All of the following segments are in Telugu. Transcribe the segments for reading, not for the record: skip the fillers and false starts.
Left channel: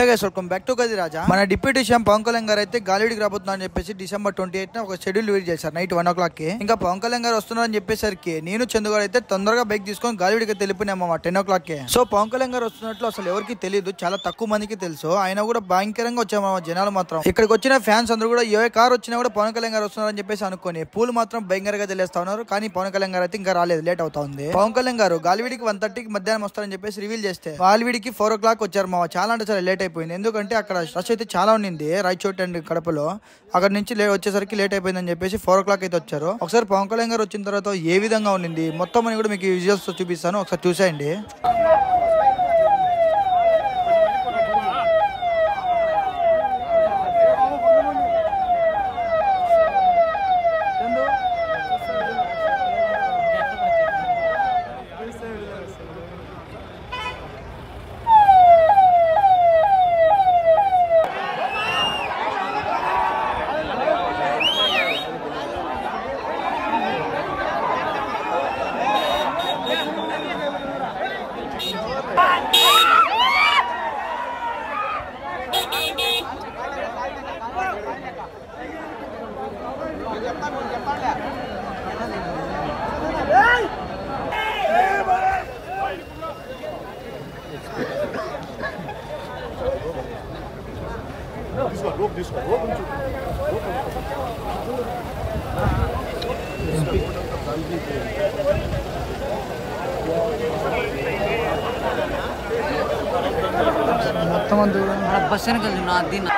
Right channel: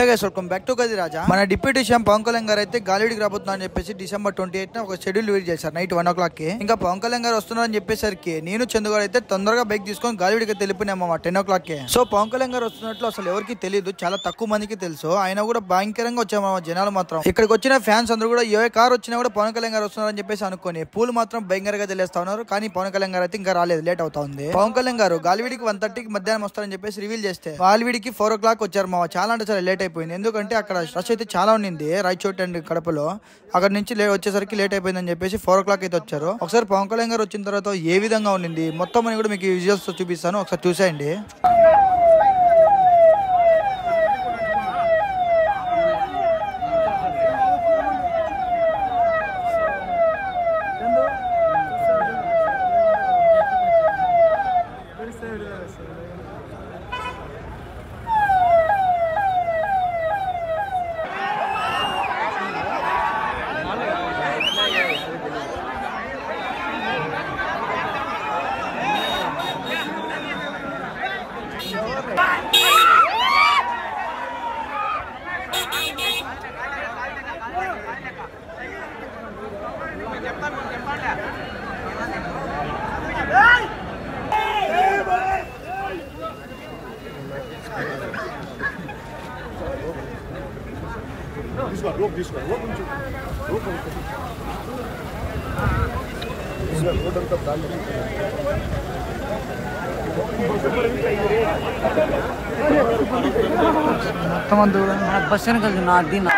Hey guys, welcome back to గది రాజా. మన డిప్యూటీ సీఎం పవన్ కళ్యాణ్ గారు అయితే గాలివిడికి రాబోతున్నా అని చెప్పేసి December 28 ఒక షెడ్యూల్ రిలీజ్ చేశారు నైట్ 1 o'clock కి. ఇంకా పవన్ కళ్యాణ్ గారు వస్తున్నారని చెప్పేసరికి నేను చందుగారు అయితే తొందరగా బైక్ తీసుకొని గాలివిడికి తెలిపినాము 10 o'clock కి. సో పవన్ కళ్యాణ్ గారు వస్తున్నట్లు అసలు ఎవరికి తెలియదు, చాలా తక్కువ మందికి తెలుసు. ఆయన కూడా భయంకరంగా వచ్చాము జనాలు మాత్రం. ఇక్కడికి వచ్చిన ఫ్యాన్స్ అందరూ కూడా ఏ కార్ వచ్చినా కూడా పవన్ కళ్యాణ్ గారు వస్తున్నారని చెప్పేసి అనుకుని పూలు మాత్రం భయంకరంగా తెలియస్తా ఉన్నారు. కానీ పవన్ కళ్యాణ్ గారు అయితే ఇంకా రాలేదు, లేట్ అవుతా ఉంది. పవన్ కళ్యాణ్ గారు గాలివిడికి 1:30కి మధ్యాహ్నం వస్తారని చెప్పేసి రివీల్ చేస్తే గాలివిడికి 4 o'clock వచ్చారు మావా. చాలా అంటే చాలా లేట్ అయిపోయింది, ఎందుకంటే అక్కడ రష్ అయితే చాలా ఉండింది రాయచోటి అండ్ కడపలో. అక్కడ నుంచి వచ్చేసరికి లేట్ అయిపోయిందని చెప్పేసి 4 o'clock అయితే వచ్చారు. ఒకసారి పవన్ కళ్యాణ్ గారు వచ్చిన తర్వాత ఏ విధంగా ఉండింది మొత్తం అని కూడా మీకు విజువల్స్ చూపిస్తాను, ఒకసారి చూసేయండి. మొత్తం అంతా కూడా మన బస్ వెనకాల నా దీన్ని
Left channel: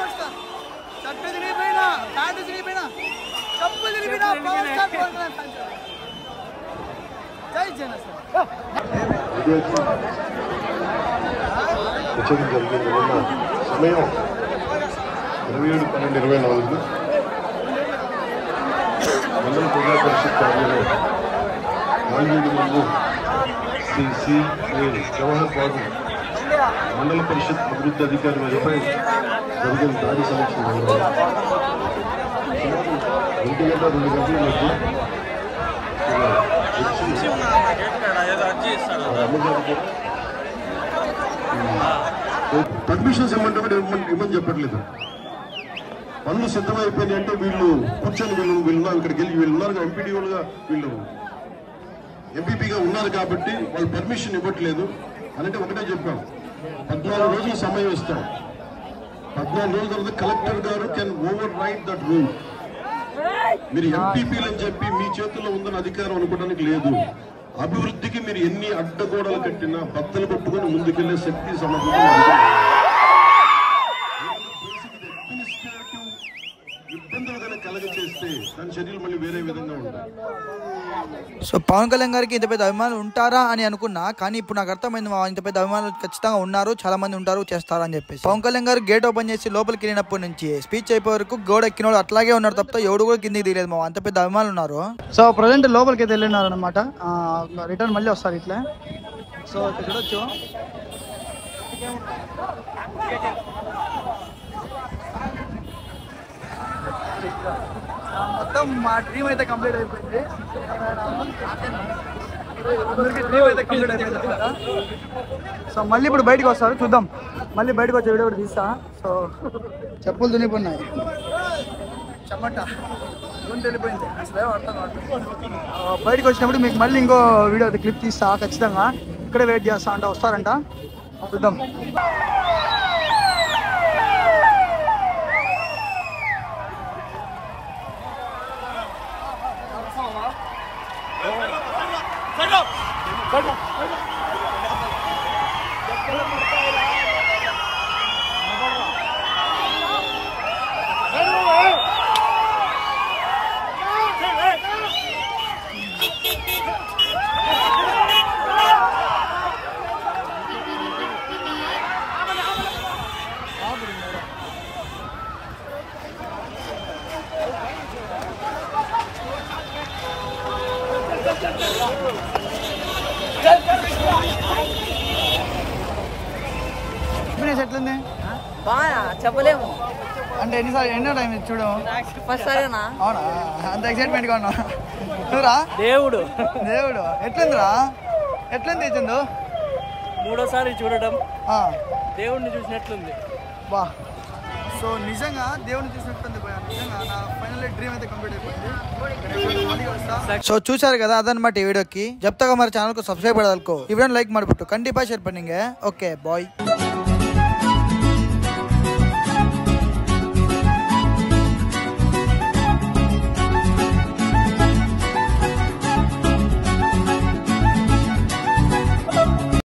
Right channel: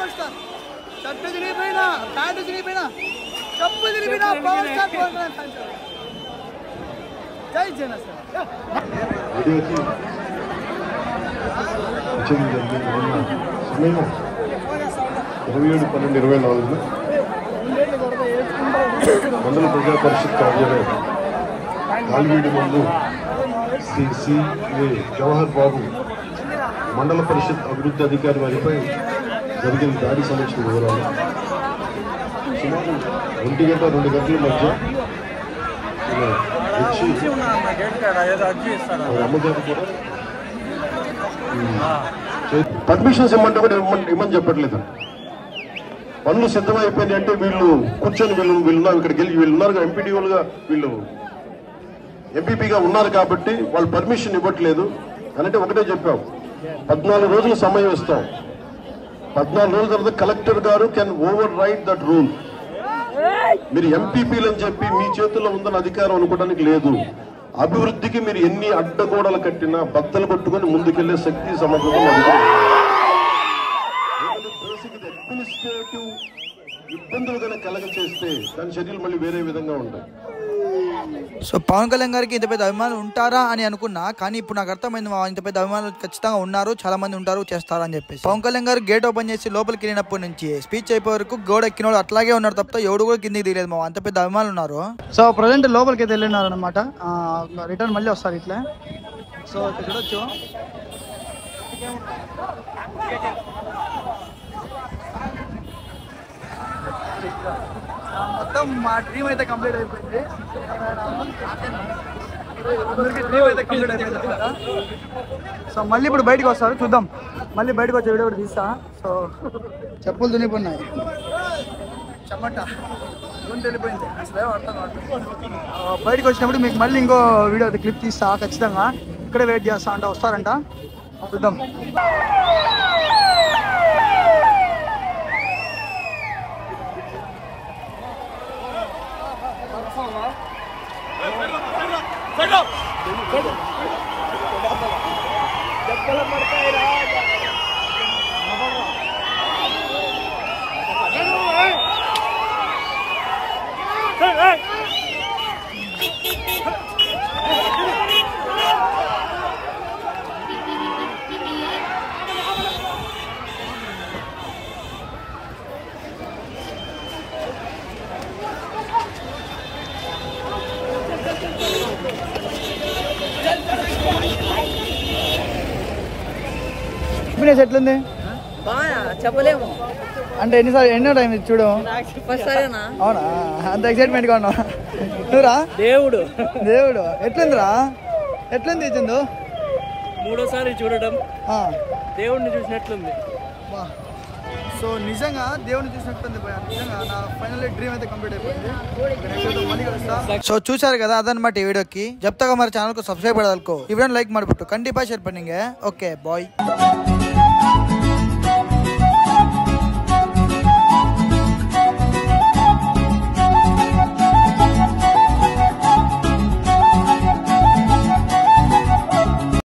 పవర్ స్టార్ షర్ట్ తిరిగిపోయినా ప్యాంటు తిరిగిపోయినా చెప్పు తిరిగిపోయినా power star Pawan Kalyan fans జై జనసేన సమయం 27/12/24 మండల ప్రజా పరిషత్ కార్యాలయం నాలుగేడు ముందు శ్రీ సి.ఏ. జవహర్ బాబు మండల పరిషత్ అభివృద్ధి అధికారి వారిపై జరిగిన దాడి సమీక్ష వివరాలు. సుమారు 1 గంట 2 గంటల మధ్య వచ్చి వారి అమ్మగారు కూడా పర్మిషన్స్ ఇమ్మంటే కూడా ఇమ్మని చెప్పట్లేదు. పనులు సిద్ధమైపోయింది అంటే వీళ్ళు కూర్చొని వీళ్ళు ఇక్కడికి వెళ్ళి వీళ్ళు ఉన్నారు ఎంపీడీఓలుగా వీళ్ళు ఎంపీపీగా ఉన్నారు కాబట్టి వాళ్ళు పర్మిషన్ ఇవ్వట్లేదు అంటే ఒకటే చెప్పాం 14 రోజులు సమయం ఇస్తాం. 14 రోజుల తర్వాత కలెక్టర్ గారు can over right that rule. మీరు ఎంపీపీలు అని చెప్పి మీ చేతుల్లో ఉందని అధికారం అనుకోవడానికి లేదు. అభివృద్ధికి మీరు ఎన్ని అడ్డగోడలు కట్టినా బద్దలు పట్టుకొని ముందుకెళ్లే శక్తి సమర్థత అడ్మినిస్ట్రేటివ్ ఇబ్బందులు కనుక కలగచేస్తే దాని చర్యలు మళ్ళీ వేరే విధంగా ఉంటాయి. సో పవన్ కళ్యాణ్ గారికి ఇంత పెద్ద అభిమానులు ఉంటారా అని అనుకున్నా, కానీ ఇప్పుడు నాకు అర్థమైంది ఇంత పెద్ద అభిమానులు ఖచ్చితంగా ఉన్నారు, చాలా మంది ఉంటారు, చేస్తారు అని చెప్పేసి. పవన్ కళ్యాణ్ గారు గేట్ ఓపెన్ చేసి లోపలికి వెళ్ళినప్పటి నుంచి స్పీచ్ అయిపోయే వరకు గోడ ఎక్కినోడు అట్లాగే ఉన్నారు తప్ప ఎవడు కూడా కిందికి దిగలేదు. అంత పెద్ద అభిమానులు ఉన్నారు. సో ప్రజెంట్ లోపలికి అయితే వెళ్ళినారు అనమాట. రిటర్న్ మళ్ళీ వస్తారు ఇట్లా. సో ఇక్కడ చూడొచ్చు మొత్తం మా డ్రీమ్ అయితే కంప్లీట్ అయిపోయింది. సో మళ్ళీ ఇప్పుడు బయటకు వస్తారు, చూద్దాం. మళ్ళీ బయటకు వచ్చే వీడియో కూడా తీస్తా. సో చెప్పులు తునిపోయినాయి, చెమట వెళ్ళిపోయింది, అసలే అర్థం కావట్లేదు. బయటకు వచ్చినప్పుడు మీకు మళ్ళీ ఇంకో వీడియో అయితే క్లిప్ తీస్తా ఖచ్చితంగా. ఇక్కడే వెయిట్ చేస్తా అంట, వస్తారంట, చూద్దాం. ఎట్లుంది చెప్పలేము అంటే ఎన్నో టైం చూడు. అవునా, అంత ఎక్సైట్మెంట్ గా ఉన్నా నువ్వురా? దేవుడు ఎట్లుందిరా? ఎట్లుంది చందు? 3వ సారి చూడడం దేవుడిని చూసినట్లుంది. బా, సో నిజంగా దేవుడిని చూసినట్టుంది. నిజంగా నా ఫైనల్ డ్రీమ్ అయితే కంప్లీట్ అయిపోయింది. సో చూసారు కదా, ಅದನ್ನమాట ಈ ವಿಡಿಯೋಕ್ಕೆ. जब तक हमारे चैनल को सब्सक्राइब कर दो, इवन लाइक ಮಾಡ್ಬಿಟ್ಟು ಖಂಡಿತ ಶೇರ್ ಪನ್ನಿಂಗೆ. Okay bye.